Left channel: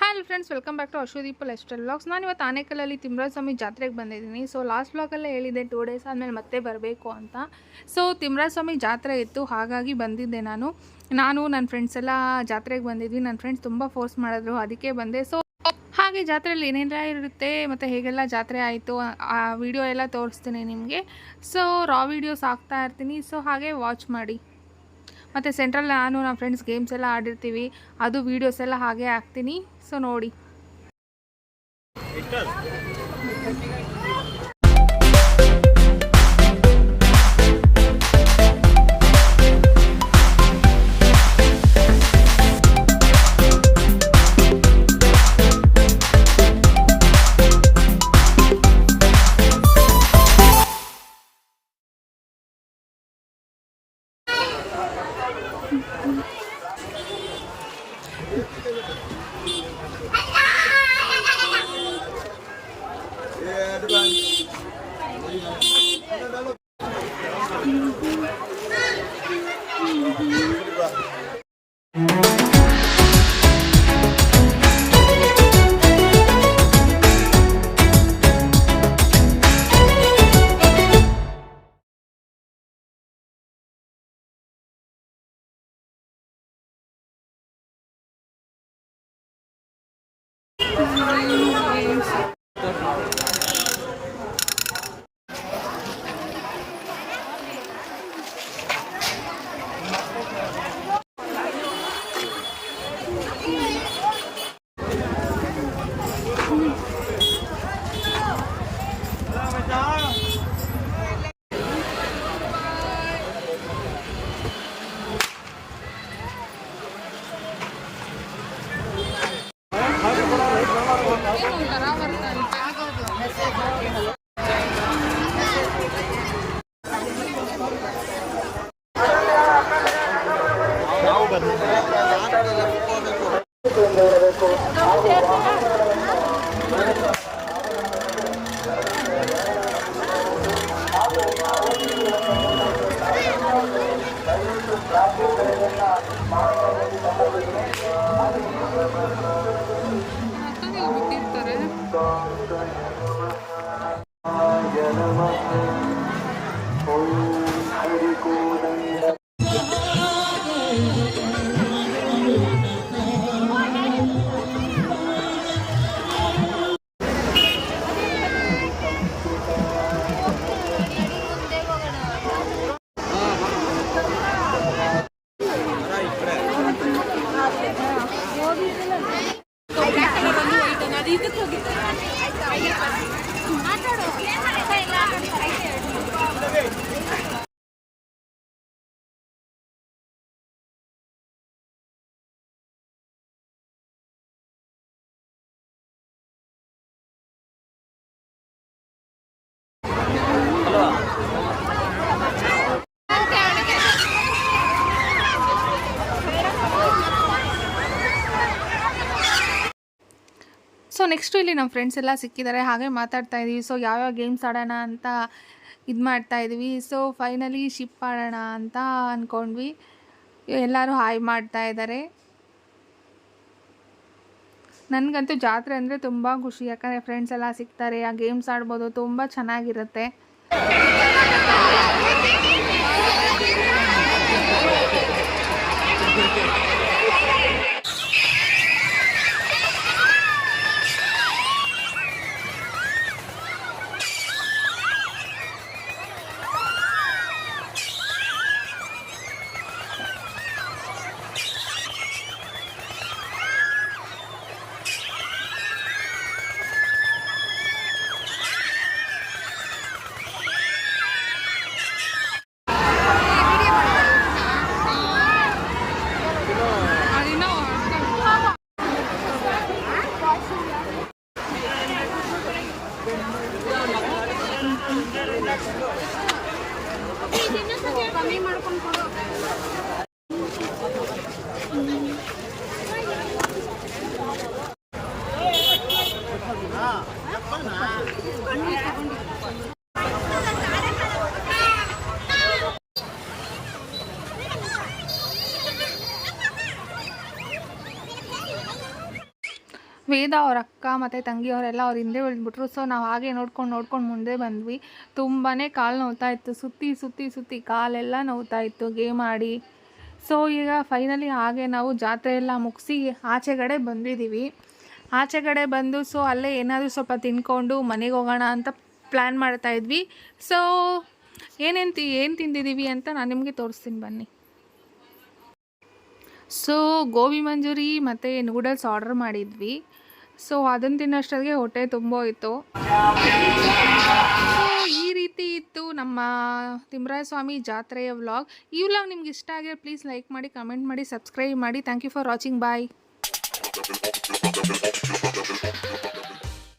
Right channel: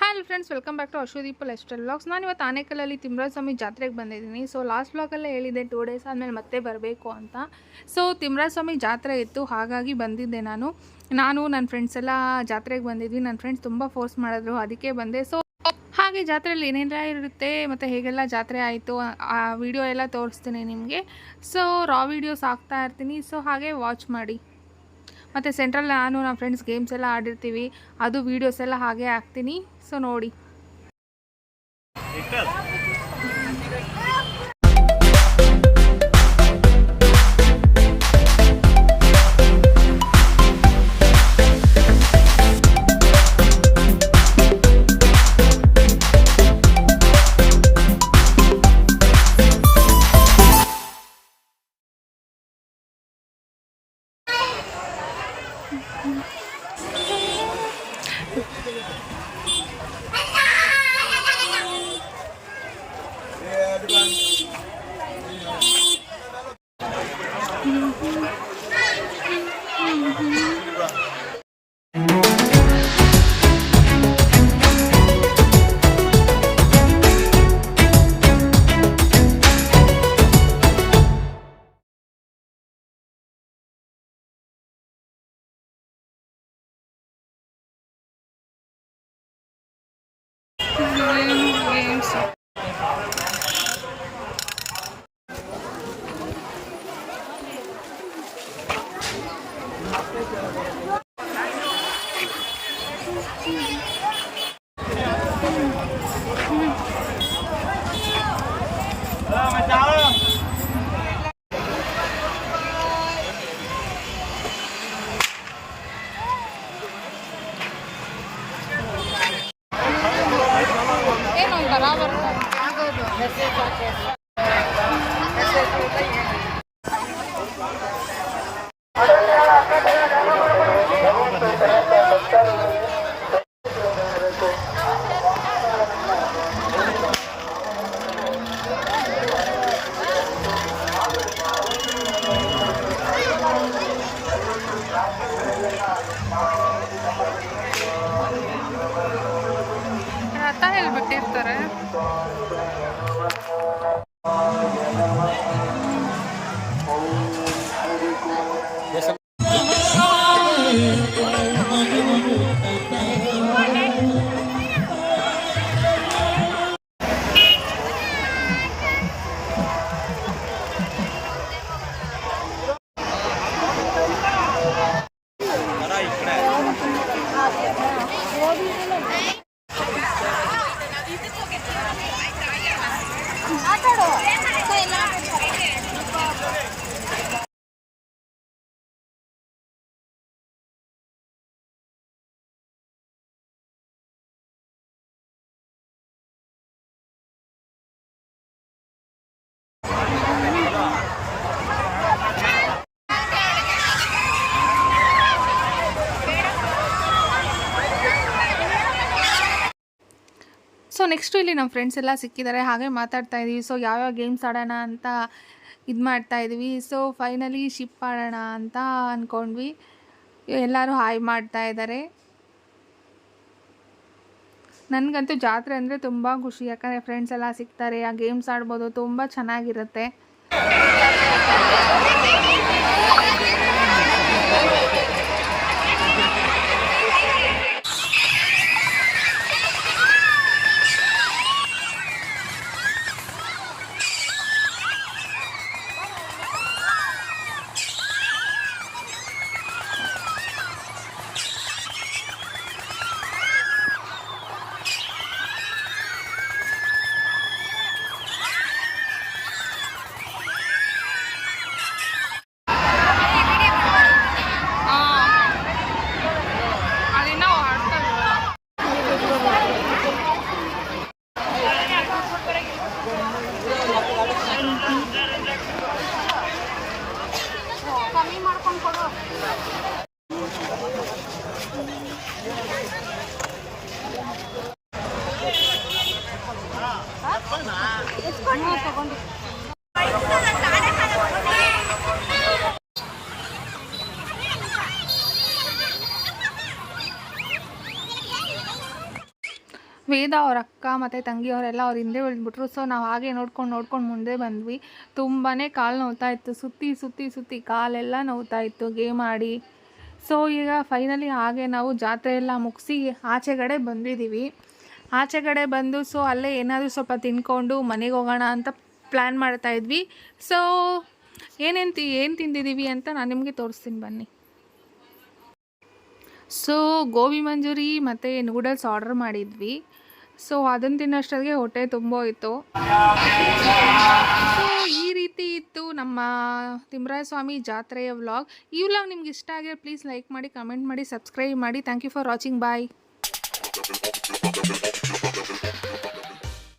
Hi friends, welcome back to Ashwadeepa lifestyle vlogs. ನಾನು ಇವತ್ತು ಆನೇಕಲ್ಲಲ್ಲಿ ತಿಮ್ಮರಾಜಸ್ವಾಮಿ ಜಾತ್ರೆಗೆ ಬಂದಿದ್ದೀನಿ. ಸೊ ಲಾಸ್ಟ್ ವ್ಲಾಗಲ್ಲೇ ಹೇಳಿದ್ದೆ 2 ಡೇಸ್ ಆದಮೇಲೆ ಮತ್ತೆ ಬರಬೇಕು ಅಂತ. ಸೊ ತಿಮ್ಮರಾಜಸ್ವಾಮಿ ಜಾತ್ರೆ ಇತ್ತು, ಹಾಗಾಗಿ ಬಂದಿದ್ದೆ ನಾನು ನನ್ನ ಫ್ರೆಂಡ್ಸ್ ಎಲ್ಲ ಜಾತ್ರೆಗೆ ಬಂದಿದ್ವಿ. ನನ್ನ ಫ್ರೆಂಡ್ಸ್ ತುಂಬ ಫೋರ್ಸ್ ಮಾಡಿದ್ರು, ಅದಕ್ಕೆ ಬಂದೆ. ಸೊ ಹಾಗೆ ಜಾತ್ರೆಯಲ್ಲಿ ಏನೆಲ್ಲ ಇರುತ್ತೆ ಮತ್ತು ಹೇಗೆಲ್ಲ ಜಾತ್ರೆ ಆಯಿತು ಆ ವಿಡಿಯೋ ಎಲ್ಲ ತೋರಿಸ್ತೀನಿ ನಿಮಗೆ. ಸೊ ರಾ ವೀಡಿಯೋಸ್ ಹಾಕ್ತಾ ಇರ್ತೀನಿ, ಸೊ ಹಾಗೆ ವಾಚ್ ಮಾಡಿ. ಮತ್ತು ಸೆಂಟ್ರಲ್ಲಿ ನಾನು ನಮ್ಮ ಫ್ರೆಂಡ್ಸ್ ಗೇಮ್ಸ್ ಎಲ್ಲ ಆಡಿರ್ತೀವಿ, ಅದು ವೀಡಿಯೋಸ್ ಎಲ್ಲ ಹಾಗೆ ಹಾಕ್ತೀನಿ. ಸೊ ನೋಡಿ. ರಥ ಹೇಳ್ಬಿಟ್ಟಿರ್ತಾರೆ. ಸೊ ನೆಕ್ಸ್ಟು ಇಲ್ಲಿ ನಮ್ಮ ಫ್ರೆಂಡ್ಸ್ ಎಲ್ಲ ಸಿಕ್ಕಿದ್ದಾರೆ, ಹಾಗೆ ಮಾತಾಡ್ತಾ ಇದ್ದೀವಿ. ಸೊ ಯಾವ್ಯಾವ ಗೇಮ್ಸ್ ಆಡೋಣ ಅಂತ ಇದು ಮಾಡ್ತಾಯಿದ್ವಿ. ಸೊ ಫೈನಲಿ ಶಿಪ್ ಆಡೋಣ ಅಂತ ಅಂದ್ಕೊಂಡ್ವಿ. ಎಲ್ಲರೂ ಹಾಯ್ ಮಾಡ್ತಾ ಇದ್ದಾರೆ. ನನಗಂತೂ ಜಾತ್ರೆ ಅಂದರೆ ತುಂಬ ಖುಷಿ, ಯಾಕಂದರೆ ಫ್ರೆಂಡ್ಸ್ ಎಲ್ಲ ಸಿಗ್ತಾರೆ, ಆ ಗೇಮ್ಸ್ ಆಡ್ಬೋದು, ತುಂಬ ಚೆನ್ನಾಗಿರುತ್ತೆ. ಕಮ್ಮಿ ಮಾಡ್ಕೊಂಡು ಕೊಡು. ತಗೊಂಡು ವೇದ ಅವ್ರ ಅಕ್ಕ ಮತ್ತು ತಂಗಿಯವರೆಲ್ಲ ಅವ್ರ ಹಿಂದೆ ಉಳಿದ್ಬಿಟ್ರು. ಸೊ ನಾವು ಹಾಗೆ ನೋಡ್ಕೊಂಡು ಮುಂದೆ ಬಂದ್ವಿ. ತುಂಬಾ ಕಾಲು ನೋವ್ತಾ ಇತ್ತು, ಸುತ್ತಿ ಕಾಲೆಲ್ಲ ನೋವ್ತಾ ಇತ್ತು ಗೇಮ್ ಆಡಿ. ಸೊ ಈಗ ಫೈನಲಿ ಹಾಗೆ ನಾವು ಜಾತ್ರೆ ಎಲ್ಲ ಮುಗಿಸಿ ಆಚೆಗಡೆ ಬಂದಿದ್ದೀವಿ. ಆಚೆಗಡೆ ಬಂದು ಸೊ ಅಲ್ಲೇ ಏನಾದರೂ ಸ್ವಲ್ಪ ತಿನ್ಕೊಂಡು ಮನೆಗೆ ಹೋಗೋಣ ಅಂತ ಪ್ಲ್ಯಾನ್ ಮಾಡ್ತಾಯಿದ್ವಿ. ಸೊ ಏನು ತಿಂದಿದ್ದೀವಿ ಅಂತ ನಾನು ನಿಮಗೆ ತೋರಿಸ್ತೀನಿ ಬನ್ನಿ. ಸೊ ಗೋಬಿ ಮಂಚೂರಿ ಮತ್ತು ನೂಡಲ್ಸ್ ಆರ್ಡರ್ ಮಾಡಿದ್ವಿ. ಸೊ ಅದನ್ನು ತಿನ್ನೋಷ್ಟೊತ್ತಿಗೆ ಹೊಟ್ಟೆ ತುಂಬೋಯಿತು. ಸೊ ಈ ರೀತಿ ಇತ್ತು ನಮ್ಮ ತಿಮ್ಮರಾಯಸ್ವಾಮಿ ಜಾತ್ರೆಯ ವ್ಲಾಗ್. ಈ ವ್ಲಾಗ್ ನಿಮ್ಗೆ ಇಷ್ಟ ಆಗಿದ್ರೆ ಪ್ಲೀಸ್ ಲೈಕ್ ಮಾಡಿ, ಕಮೆಂಟ್ ಮಾಡಿ, ಸಬ್ಸ್ಕ್ರೈಬ್ ಮಾಡಿ. Thank you for watching. Bye.